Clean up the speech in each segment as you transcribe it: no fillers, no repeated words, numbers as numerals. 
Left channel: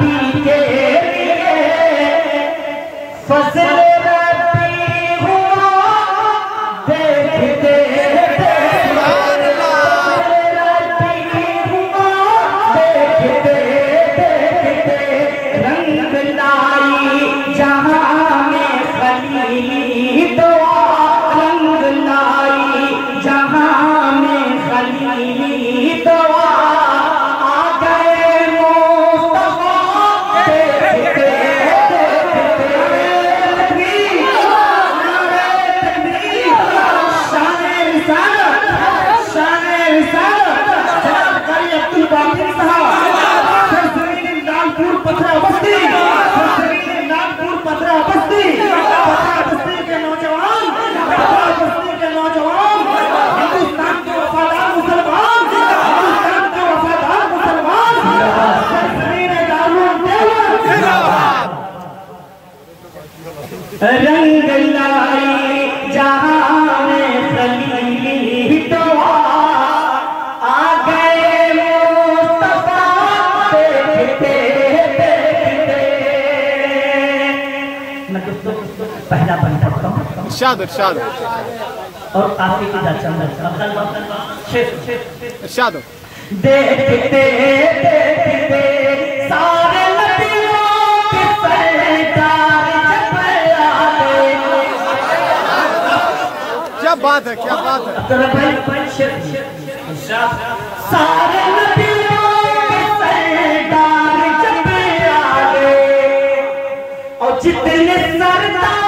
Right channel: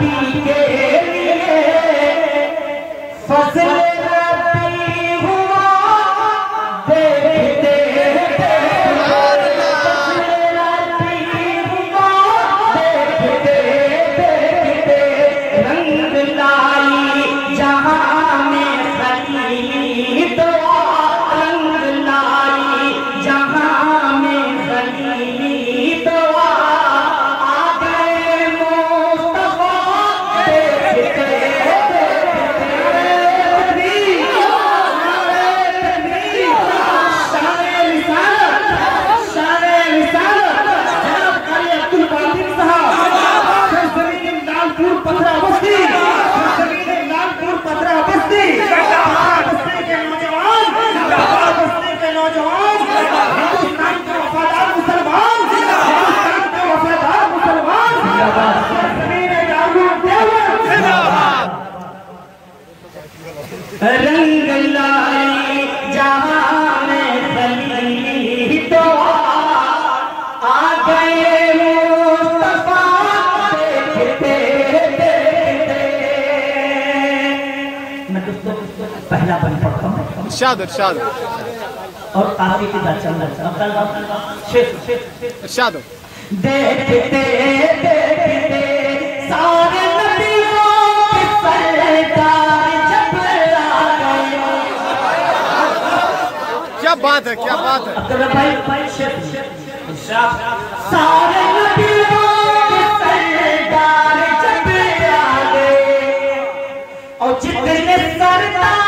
नबी के लिए फज़ल रब्बी हुआ देखते रंग लाई जहां में खलीली दुआ, रंग लाई जहां में खलीली दुआ, आ गए मुस्तफा देखते रंग लाई जहां में खलीली दुआ, आ गए मुस्तफा देखते देखते। मैं दोस्तों पहला बन पढ़ता हूँ इरशाद इरशाद और आगे की दर्शन इरशाद। देखते देखते सारे नबियों के सरदार जब आ गए। क्या बात है, क्या बात है। सारे नबियों के सरदार जब आ गए और जितने सरदार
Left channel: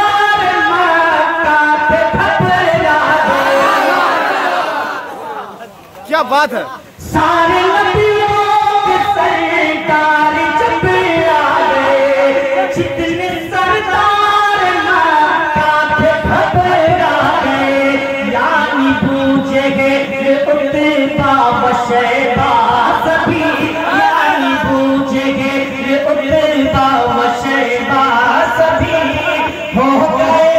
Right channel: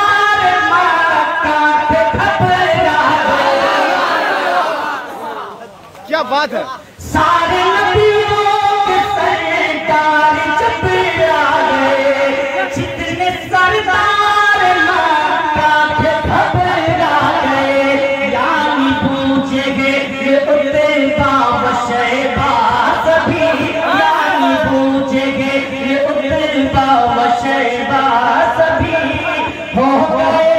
मक्का पे घबरा गए। क्या बात है। सारे नबियों के सरदार जब आ गए, जितने सरदार मक्का पे घबरा गए। यानी पूछे गए उतबा व शैबा सभी, यानी पूछे गए उतबा व शैबा सभी, हो गए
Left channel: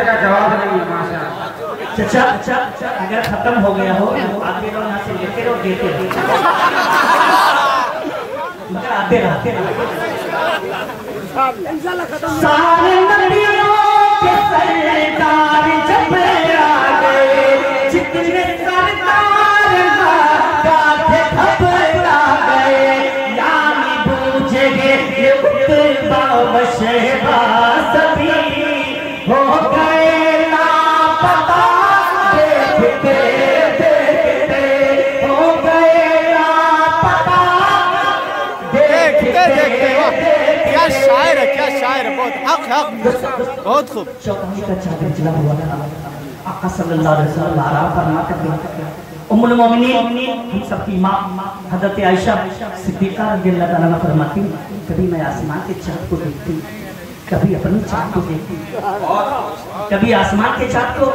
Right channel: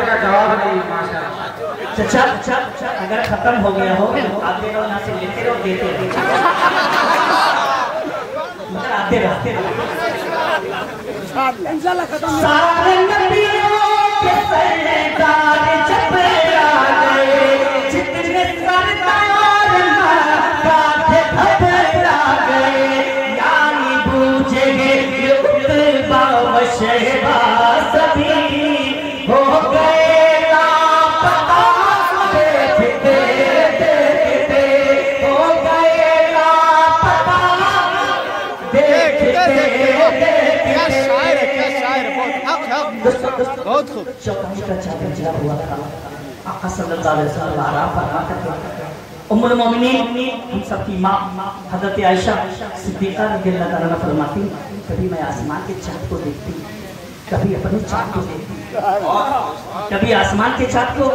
का जवाब नहीं। चचा अगर खत्म हो गया हो तो आगे लोग यहाँ से लेते रहो देते रहो, मगर आते रहते रहो। सारे नबियों के सरदार जब आ गए, जितने सरदार मक्का पे घबरा गए। यानी बूझे गए उतबा व शैबा सभी, हो गए लापता देखते देखते, हो गए लापता देखते देखते। क्या शायर है, क्या शायर है। बहुत हक हक, बहुत खूब। चौथी का चादर चला हुआ था। आका सल्लल्लाहु अलैहि वसल्लम आराम फरमाते थे। उम्मुल मोमिनीन हम सबकी माँ हज़रत आयशा सिद्दीक़ा रज़ियल्लाहु अन्हा फरमाती, कभी मैं आसमान के चाँद को देखती, कभी अपने चाँद को देखती, कभी आसमान के चाँद को,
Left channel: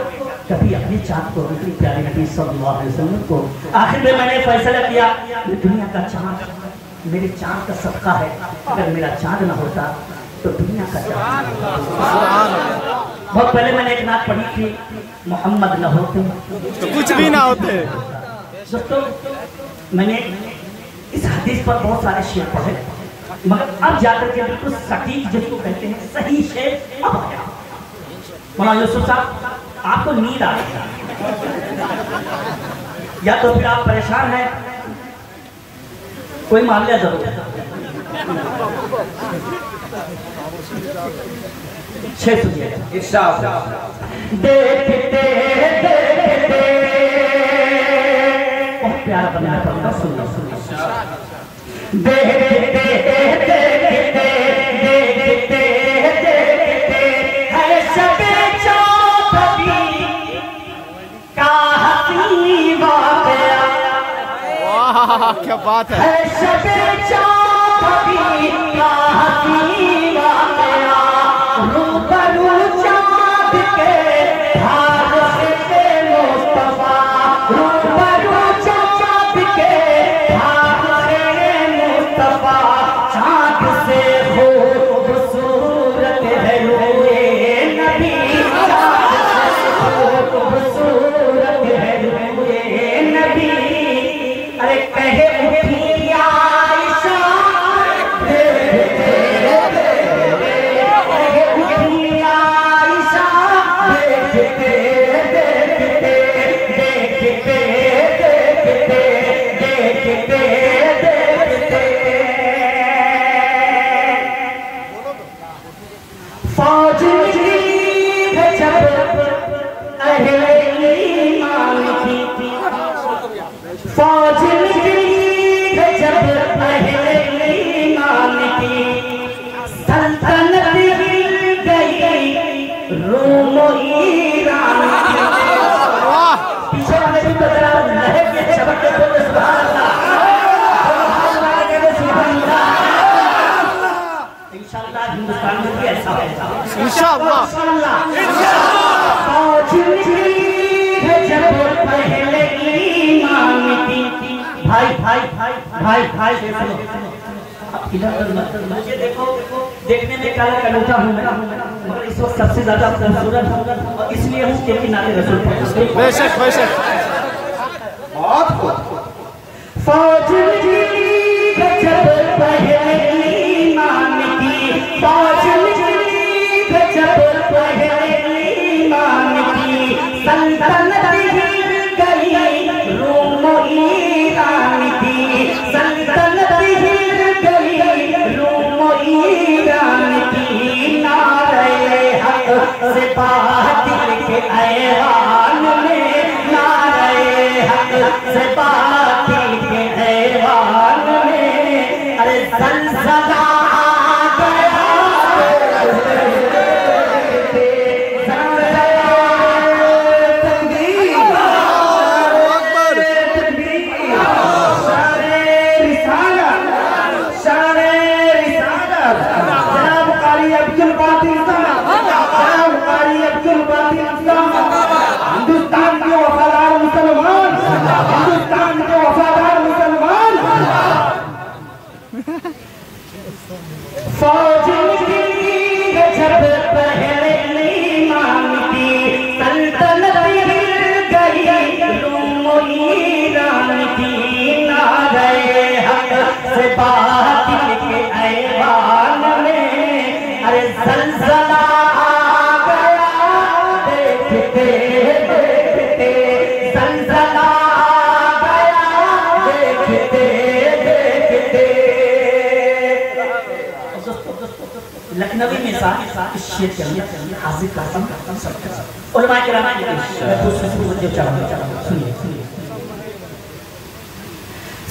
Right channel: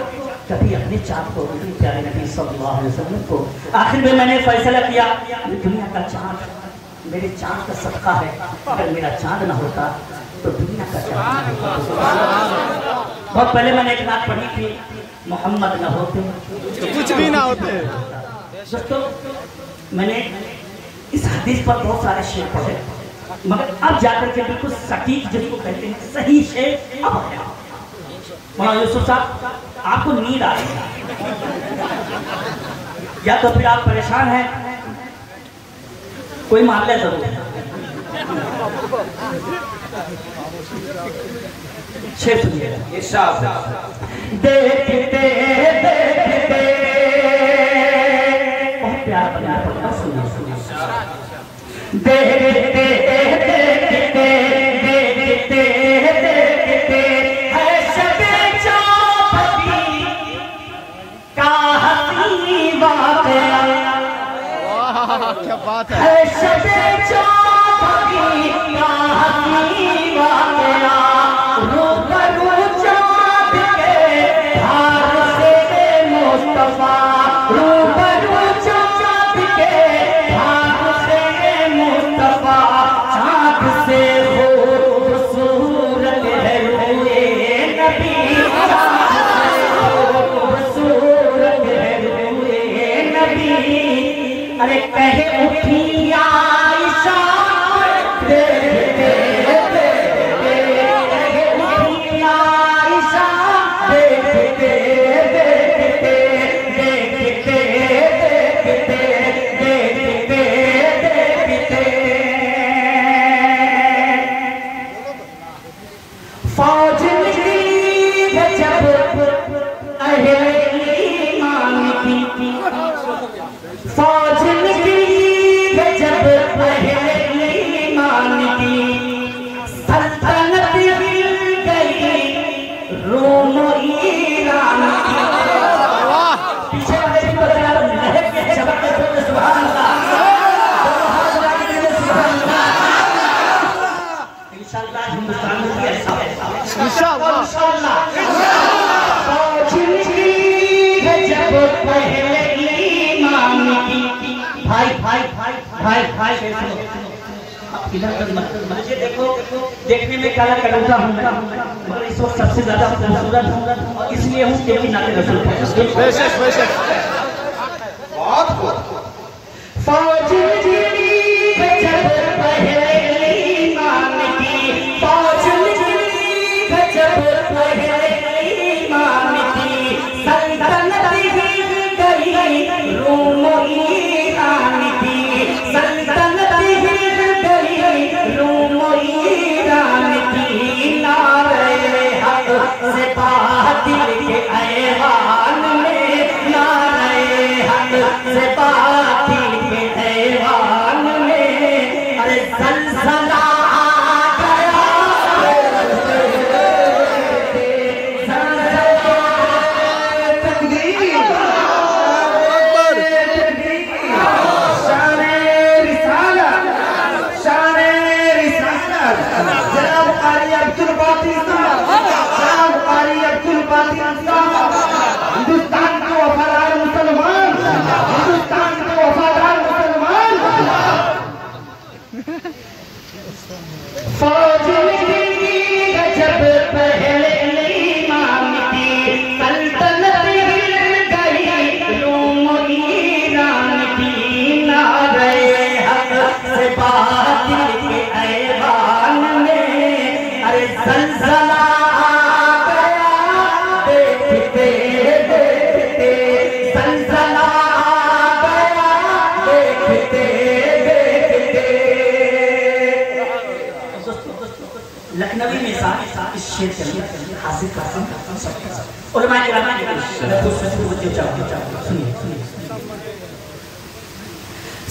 कभी अपने चाँद को, कभी प्यारे नबी सल्लल्लाहु अलैहि वसल्लम को। आखिर में मैंने फैसला किया, दुनिया का चाँद मेरे चाँद का सदका है। अगर मेरा चाँद न होता तो दुनिया का चाँद न होता। बहुत पहले मैंने एक नात पढ़ी थी, मोहम्मद न होते तो कुछ भी ना होते। दोस्तों मैंने इस हदीस पर बहुत सारे शेर पढ़े, मगर अब जाकर के बिल्कुल सटीक जिसको कहते हैं सही शेर अब है। मौलाना यूसुफ साहब आपको नींद आ रही है, या तो फिर आप परेशान हैं, कोई मामला जरूर है। 6 देखते देखते बहुत प्यार बना था। सुनो देखते देखते देखते देखते है शबे चौबी का हसीन वाक़या। वाह क्या बात है। शबे चौबी का हसीन वाक़या, रूबरू चाँद के धार से मुस्तफा, रूबरू चाँद के धार से मुस्तफा, चाँद से खूबसूरत है हुए इंशाअल्लाह मुझे देखो देखने में काला कलौटा हूँ मैं और इस वक्त सबसे ज्यादा खूबसूरत हूँ और इसलिए हूँ क्योंकि नाते रसूल बेशक बेशक लखनवी में इस शेर के अंदर हासिल कासिम उलमा किराम के सुनिए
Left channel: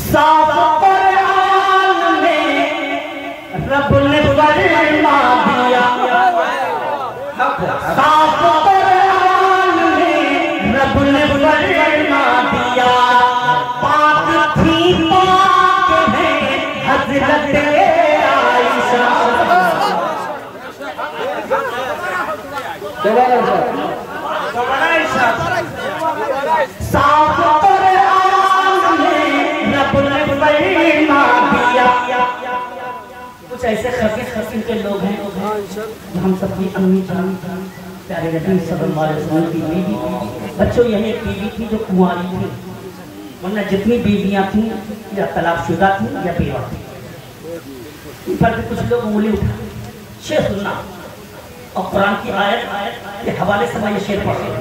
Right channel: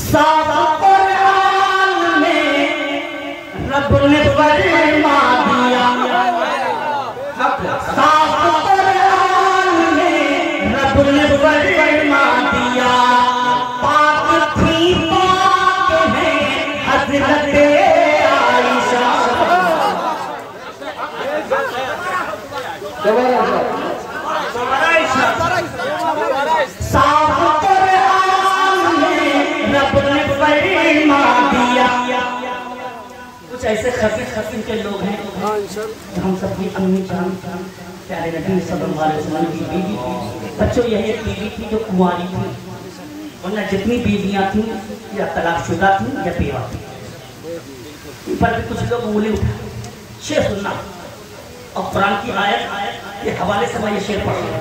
साफ कुरान में रब ने फरमा दिया साफ कुरान में रब ने फरमा दिया पाक थी पाक है हजरत कुछ ऐसे खफीफ खफीफ के लोग हैं हम सबकी अम्मी जान प्यारे नबी सल्लल्लाहु अलैहि वसल्लम की बीवी बच्चों यही एक बीवी थी जो कुंवारी थी वरना जितनी बीवियां थी या तलाकशुदा थी या बेवा थी पर कुछ लोग उंगली उठा शेर सुनना और कुरान की आयत के हवाले से मैं ये शेर पढ़ूंगा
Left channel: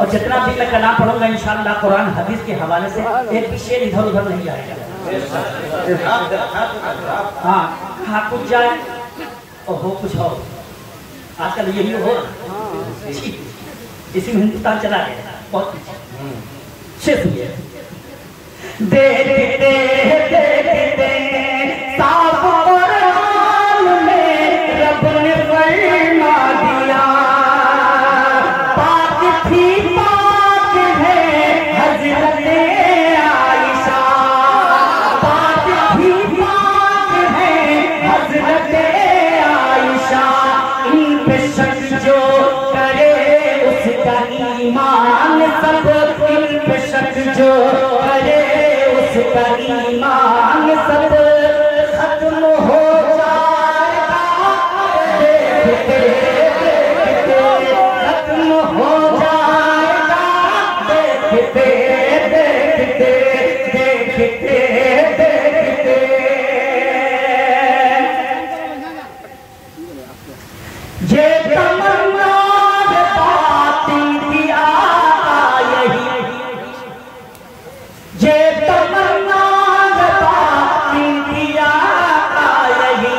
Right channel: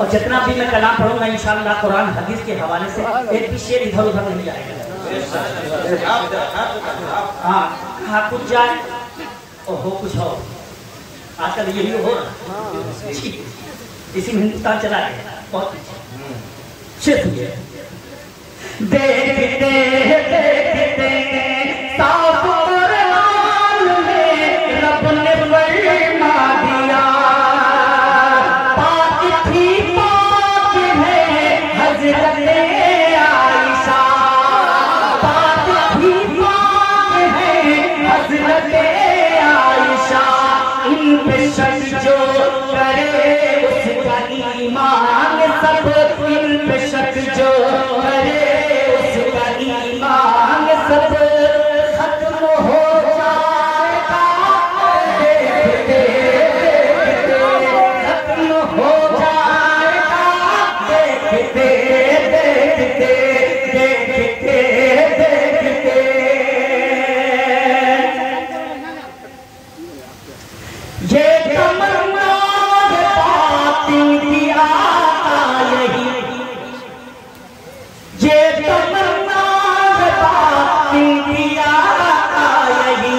और जितना भी मैं कलाम पढ़ूंगा इंशाअल्लाह कुरान हदीस के हवाले से एक भी शेर इधर उधर नहीं जाएगा। हाँ हाँ कुछ जाए और हो कुछ हो आजकल यही हो इसी में हिंदुस्तान चला गया बहुत शेर सुनिए देखते देखते साफ कुरान में रब ने फरमा दिया पाक थी पाक है हजरत आयशा पाक थी पाक है हजरत आयशा इन पे शक जो करे उसका ईमान सब इन पे शक जो करे उसका ईमान सब खत्म हो जाएगा देखते देखते खत्म हो जाएगा देखते देखते देखते देखते ये तमन्ना बाती दिया यही ये तमन्ना बाती दिया यही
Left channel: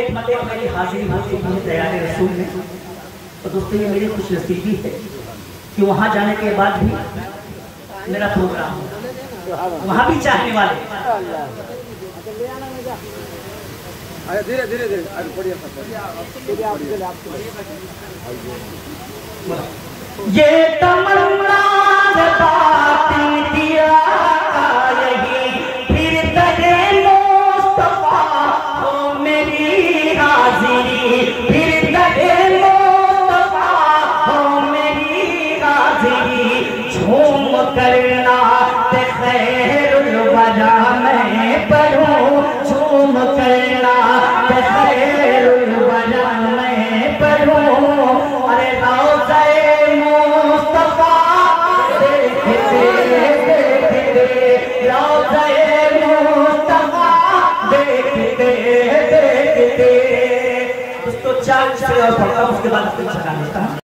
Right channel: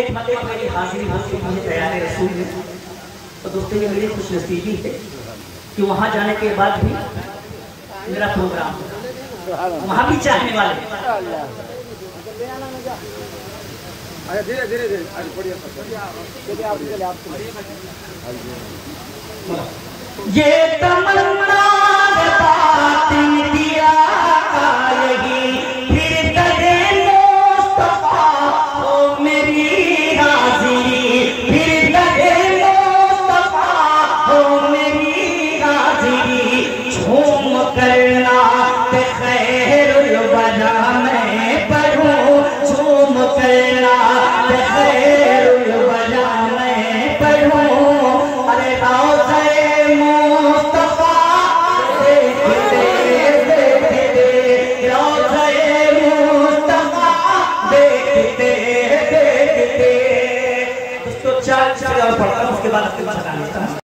एक मते मेरी हाजिरी होती मुझे तैयारी रसूल में तो दोस्तों ये मेरी खुशनसीबी है कि वहां जाने के बाद भी मेरा प्रोग्राम वहां भी चाहने वाले धीरे धीरे धीरे ये तमन्ना बाती दिया यही फिर दरे मुस्तफा हो मेरी हाजिरी बाद बना लेता हूँ।